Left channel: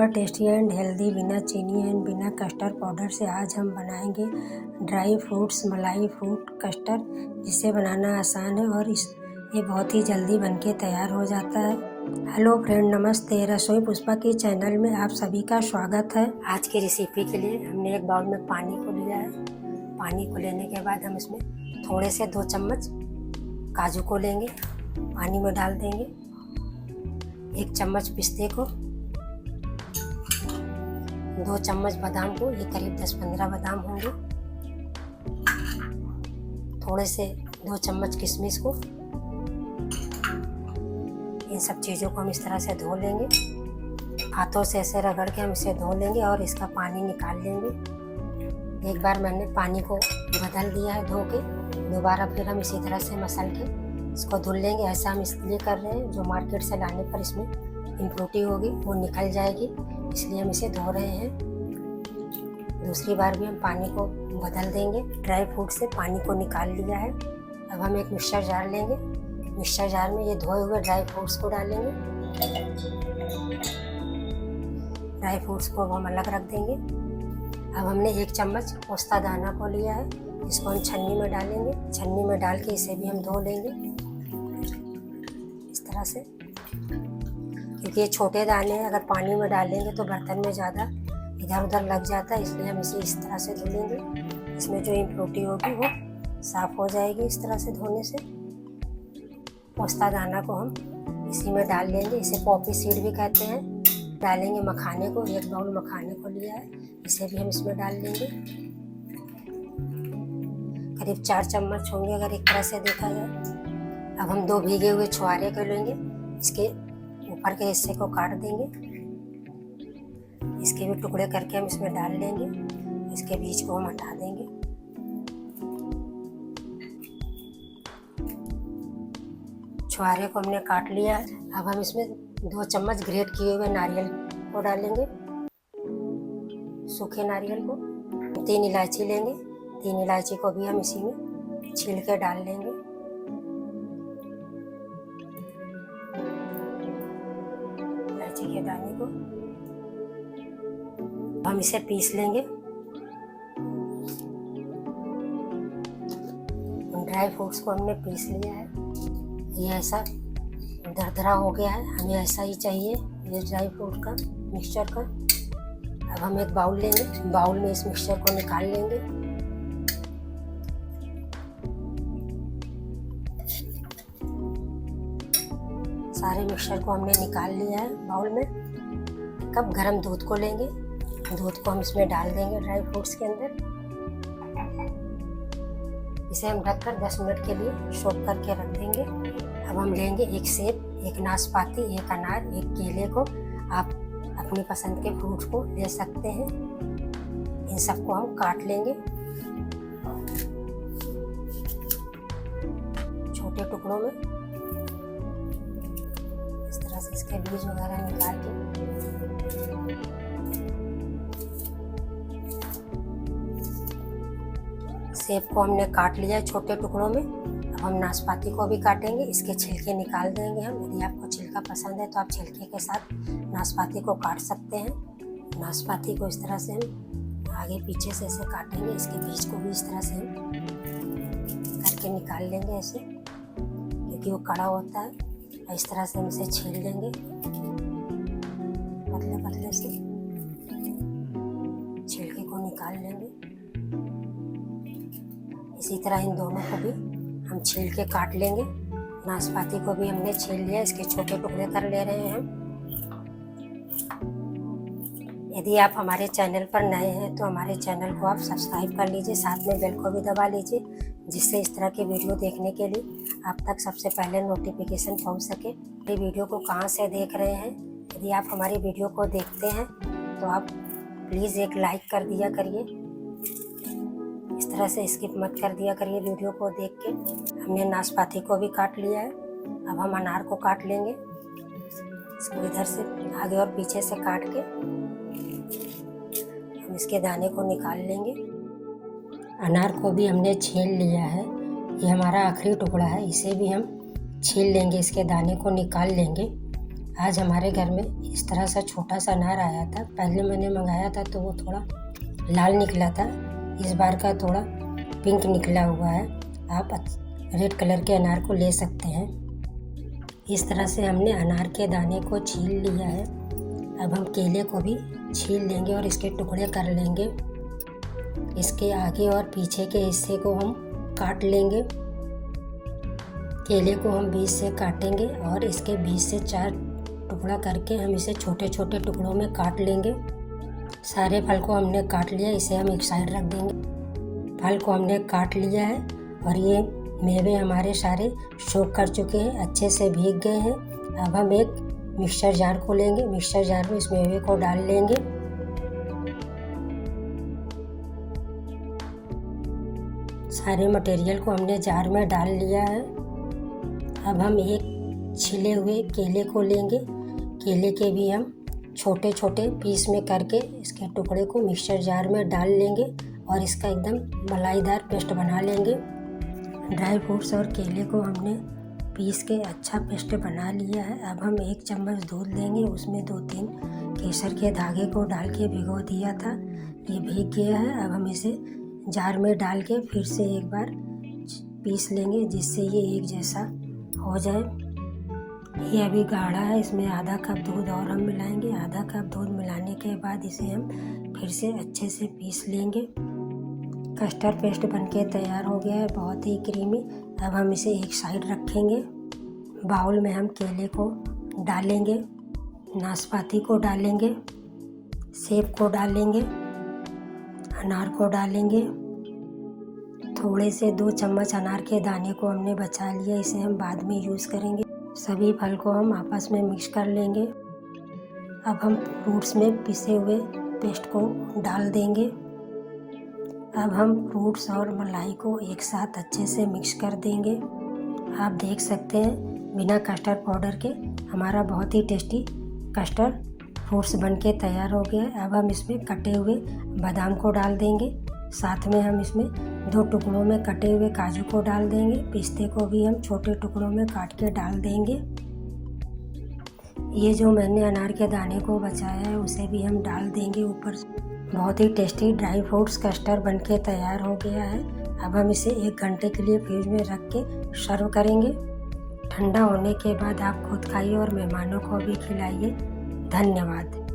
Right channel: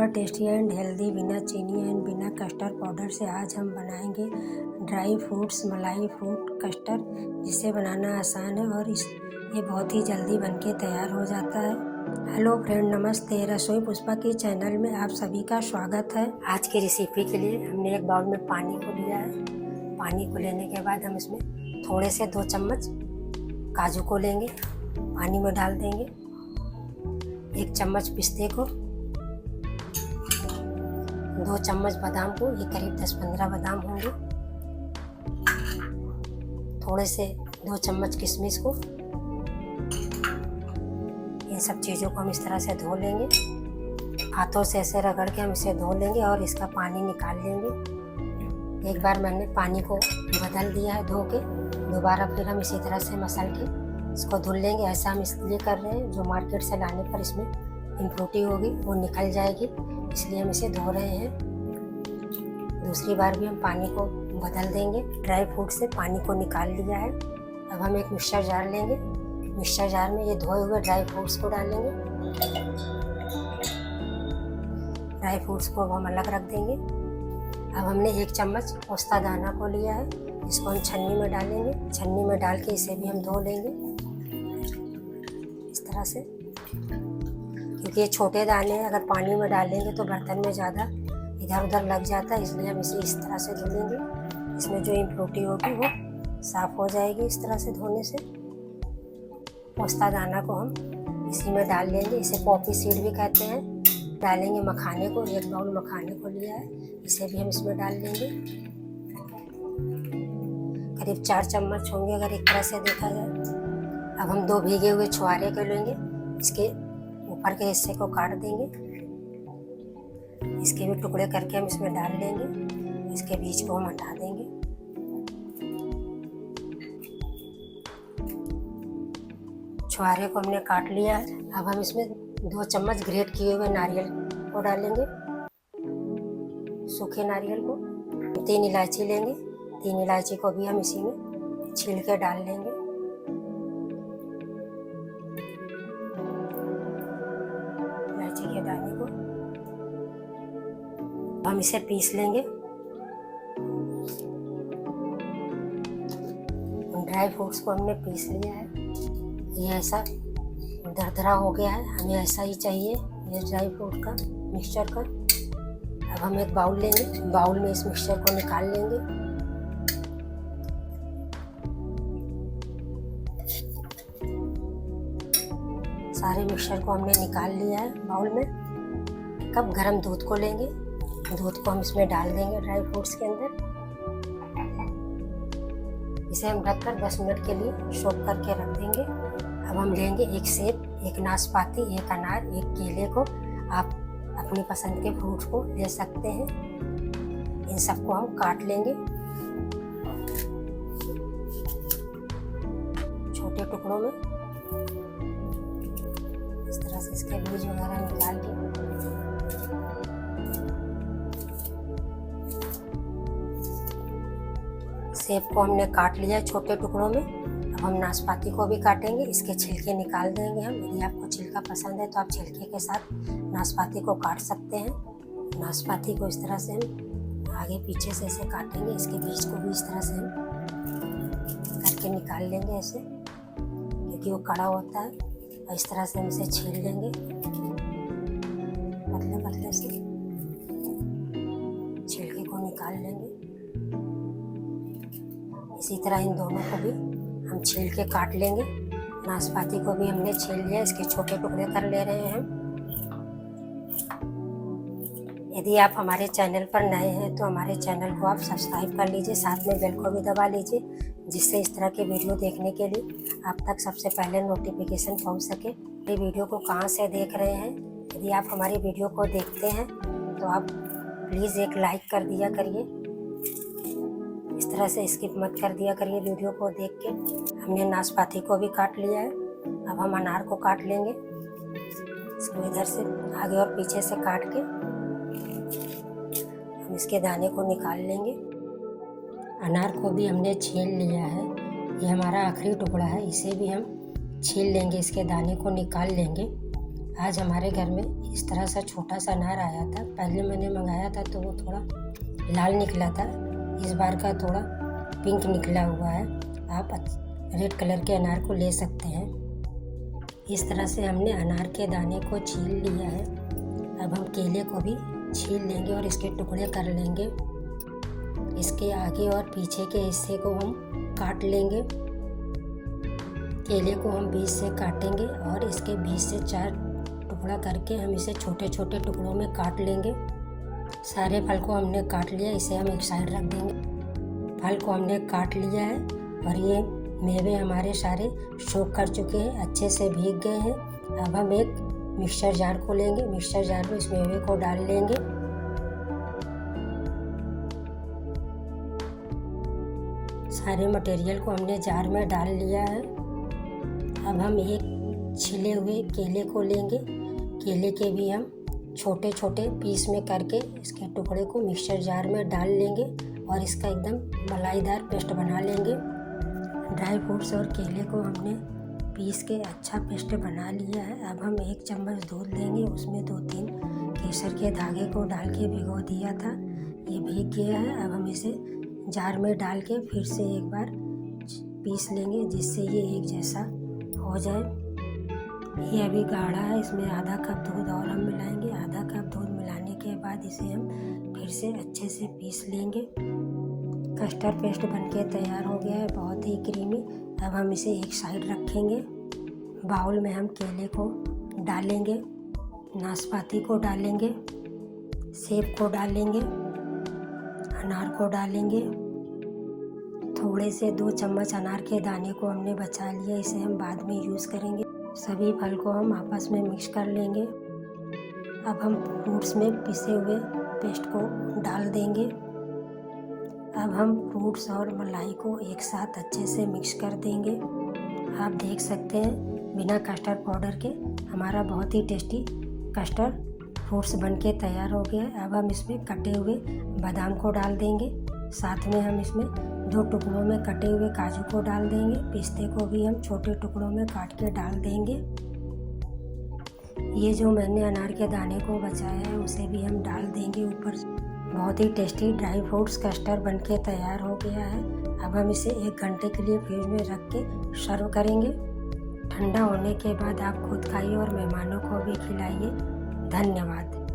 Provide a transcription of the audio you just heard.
Super tasty and healthy बिना चीनी and बिना कस्टर्ड पाउडर से आज हम बनाएंगे ड्राई फ्रूट्स मलाई फ्रूट कस्टर्ड, जिसे बनाना आसान है और ये बहुत ही जल्दी बनके तैयार हो जाता है। हेलो फ्रेंड, नमस्ते। रसोई पुष्पा की चैनल में आप सभी का स्वागत है। आज की रेसिपी के लिए हमने एक बाउल में पानी को लिया है। पानी को लेने के बाद हम इसमें थोड़े से 2 चम्मच काजू को लेंगे, पानी में डाल देंगे। 1 चम्मच पिस्ते को, 2 चम्मच बादाम को, ये करीब 10-15 बादाम होंगे। थोड़े से 2 चम्मच किशमिश को। इन सब चीज़ों को हम इस तरह से धो लेंगे। हाथों से ऐसे रगड़ के हम इसे धो लेंगे और इसका पानी निकाल लेंगे। एक बार मैंने पानी को बदल दिया है धो के, दोबारा फिर हम इसी तरह से मसल के इसको धुल लेंगे। ऐसा हम इसलिए कर रहे हैं, जो मार्केट से लाने पर इसमें इम्प्योरिटी होगी वो निकल जाएगी, इसलिए हम इसे धो रहे हैं। दूसरी बार भी हम पानी को बदल देंगे। ड्राई फ्रूट से पानी को निकाल लिया है। अब हम एक मिक्सर जार लेंगे। मिक्सर जार में ये धोए हुए ड्राई फ्रूट्स को डालेंगे। ड्राई फ्रूट्स को हम अलग रख देंगे। अब हमने 1 चम्मच पोस्ता दाना को लिया है, इसको हम छन्नी में डालेंगे। छन्नी में डाल के इसे भी हम धो लेंगे इस तरह से, क्योंकि ये छोटे दाने हैं, अगर पानी में डालेंगे तो बर्तन में ज़्यादा इधर उधर लग जाता है, इसलिए हम इसे इस तरह से धुलेंगे। इसमें जो इम्प्योरिटी होगी वो साफ़ हो जाएगी इस तरह से धोने से। पोस्ता दाना को हम इसी में डाल लेंगे, इसे पॉपी सीड भी कहते हैं। डालेंगे मखाने को, 1 बाउल मखाने को लिया है, इसे भी हम इसमें डाल लेंगे। करीब 4 चम्मच होंगे अगर एक तरह से देखा जाए। अब हम 2 भीगे हुए छुहारे को लेंगे, इसके ऊपर के हिस्से को काट देंगे। इसके भी टुकड़े करके हम इसमें डाल लेंगे। इसके बीज को हम हटा देंगे। छुहारे को हमने काट लिया है। अब हम इसमें 2 चम्मच ग्रेट किए हुए नारियल को डालेंगे, सूखे नारियल को। 3 इलायची लेंगे, 3 इलायची को भी हम इसी में छील के डाल लेंगे। इलायची के दाने को हम इसे पीस लेंगे। ड्राई फ्रूट्स को हमने पीस लिया है। ये ऐसा दरदरा हो गया है, हमें ऐसा ही चाहिए ये ड्राई फ्रूट का मिक्सचर का। अब हम एक बाउल लेंगे, बाउल में इस मिक्सचर को निकाल लेंगे। सारे मिक्सचर को हमने निकाल लिया है बाउल में। एक कप गर्म दूध को लेंगे, दूध को हम इसमें डाल देंगे ड्राई फ्रूट्स के अंदर। इसे हम ढककर 10 मिनट के लिए सोक करके रख देंगे। अब हम लेंगे 1 सेब, 1 नाशपाती, 1 अनार, 1 केले को। आप अपनी पसंद के फ्रूट को ले सकते हैं। इन सबको हम काट लेंगे छोटे टुकड़ों में, इस तरह से इसके बीज वगैरह निकाल के। सेब को हमने काट लिया है छोटे टुकड़ों में। अब हम नाशपाती को भी काटेंगे, इसके छिलके निकाल देंगे हम। यदि आपको छिलका पसंद है तो आप छिलके के साथ नाशपाती को काट सकते हैं। नाशपाती को इस तरह से हम आगे पीछे से ऐसे काटेंगे। इसके बीज को भी इस तरह से हम करके निकाल लेंगे ऐसे, क्योंकि वो कड़ा होता है। और इस तरह से हम इसे छील लेंगे पतले पतले से, छिलके को निकाल लेंगे। इसी तरह इन दोनों को भी हम छील के काट लेंगे। नाशपाती को भी हमने छील लिया, इसके छोटे टुकड़े कर ले रहे हैं हम। यदि आप हमारे चैनल पर नए हैं तो हमारे चैनल को आप सब्सक्राइब कर लीजिए, साथ में बेल को भी दबा लीजिए, जिससे इस तरह के वीडियो देखने के लिए आप तक सबसे पहले नोटिफिकेशन पहुंच सके। ये वीडियो को कहां से देख रहे हैं, यदि आप हमारी वीडियो को देखते हैं तो आप प्लीज़ एक लाइक कर दिया करिए। इस तरह से स्किप मत कर दिया करिए वीडियो को देख के। हमने नाशपाती को भी काट लिया है। अब हम अनार को काट लेंगे। इसको इधर से आगे और पीछे से काट के हम इसके दाने को निकाल लेंगे। अनार को भी हमने छील लिया है, ये हमारा आखिरी टुकड़ा है, इसे भी हम छील लेंगे, इसके दाने को निकाल लेंगे। आज हमारे घर में इस तरह से छोटा सा अनार आया था। पहले मैंने मंगाया था तो वो थोड़ा लाल निकला था, इस बार का थोड़ा पिंक निकला हुआ है। आप रेड कलर के अनार को ले सकते हैं। इस तरह से हमने अनार के दाने को छील लिया है। अब हम केले को भी छील लेंगे और इसके टुकड़े कर लेंगे। इसके आगे और पीछे के हिस्से को हम काट लेंगे। केले को हम बीच से काटेंगे और इसके बीच से 4 टुकड़ा करके हम इसे छोटे छोटे टुकड़ों में काट लेंगे। सारे फल को हमने काट लिया, इसे हम एक साइड रख देंगे। फल को हमने काट लिया है और ये मेवे हमारे सारे सोख कर चुके हैं, अच्छे से भीग गए हैं। अब हम एक मिक्सचर जार को लेंगे। मिक्सचर जार में इस मेवे को डाल लेंगे। सारे मटेरियल को हमने जार में डाल लिया है। अब हम एक छिले हुए केले को लेंगे। केले के भी हम छोटे छोटे पीस में करके इसके टुकड़े को मिक्सचर जार में डाल लेंगे और इसका एकदम मलाईदार पेस्ट बना लेंगे। ड्राई फ्रूट्स और केले को हमने पीस के अच्छा पेस्ट बना लिया है। अब हम 1 चम्मच दूध लेंगे, उसमें 2-3 केसर के धागे को डाल के भिगो दिया था, ये भीग गया है। अब हम इसे जार में डाल के फिर से एक बार पीस लेंगे जिससे ये एक जैसा हो जाए। ये अभी गाढ़ा है, इसमें आधा कप दूध और हम मिलाएंगे। आधा कप दूध मिलाने के बाद इसे हम फिर से अच्छे से पीस लेंगे। कस्टर्ड पेस्ट बनके तैयार हो गया है, बहुत ही क्रीमी। अब हम इसे एक साइड रखेंगे। बाउल में हम केले को डालेंगे, नाशपाती को डालेंगे, सेब को डालेंगे, अनार को डालेंगे। थोड़े से 2 चम्मच अनार के दाने को हमने बचा लिया, इसे हम बाद में यूज़ करेंगे। सभी फल को हम आपस में मिक्स कर लेंगे। अब हम फ्रूट्स में पिसे हुए पेस्ट को डाल देंगे। अब हम फ्रूट्स और मलाई को एक साथ अच्छे से मिक्स कर देंगे। आप देख सकते हैं बिना कस्टर्ड पाउडर के हमारा बहुत ही टेस्टी कस्टर्ड फ्रूट्स बनके तैयार हो गया है। अब हम इसमें कटे हुए बादाम को डाल देंगे, साथ में हम इसमें 2 टुकड़ों में कटे हुए काजू को डाल देंगे। पिस्ते को भी हम छोटे टुकड़ों में काट के डाल देंगे। ये जो मैंने अनार के दाने को बचाया है उसे भी हम डाल देंगे ऊपर से। बहुत ही टेस्टी ड्राई फ्रूट्स कस्टर्ड बनके तैयार हो गया है। अब हम इसे 1 घंटे के लिए फ्रिज में रख के सर्व करेंगे। ठंडा होने के बाद आप खुद खाइए और मेहमानों को भी खिलाइए। धन्यवाद।